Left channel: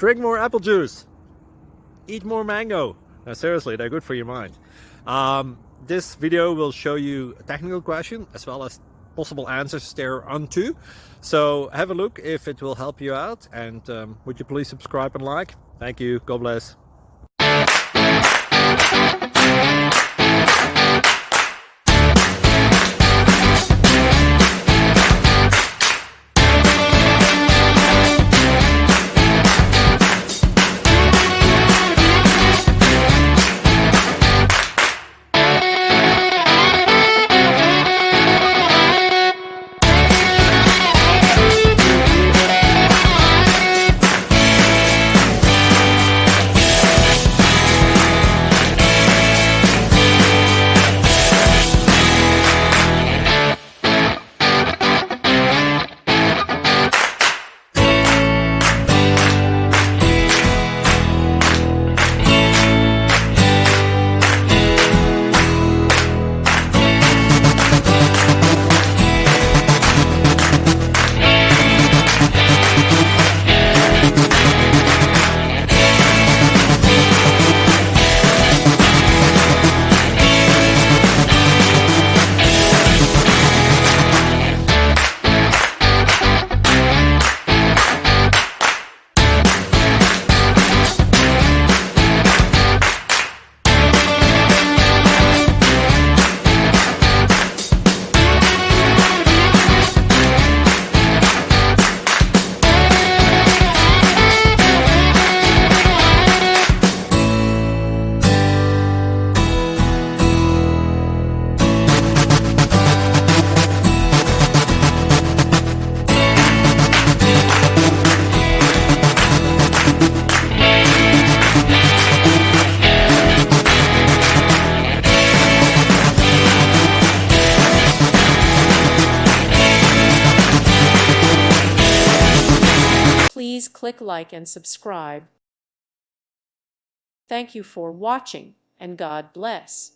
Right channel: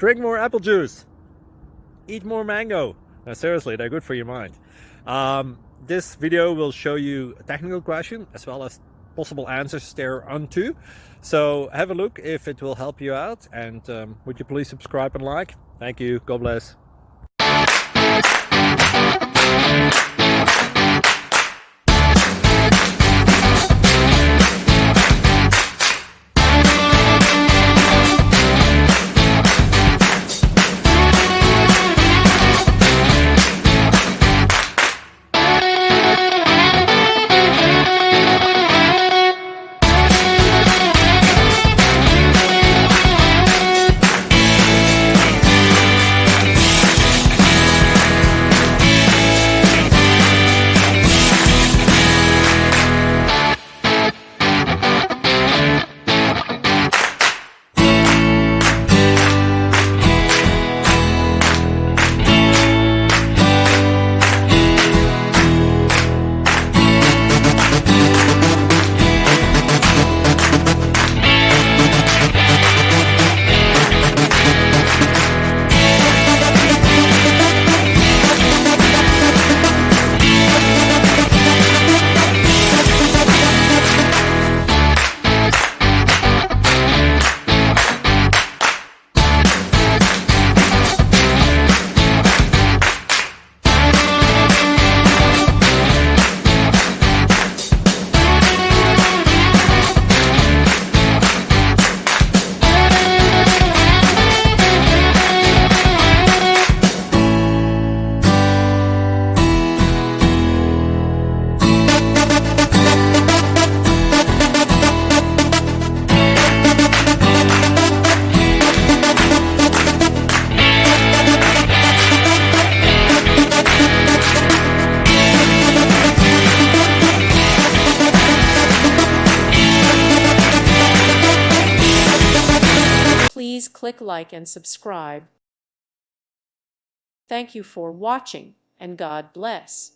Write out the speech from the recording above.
Drink more apple juice. Eat more mango. No, seriously, they're good for your mind. This video will show you a technical question as well as possible answers thereunto. So have a look if it will help you out, and would you please subscribe and like? Thank you. God bless. Please click like and subscribe. Thank you for watching, and God bless.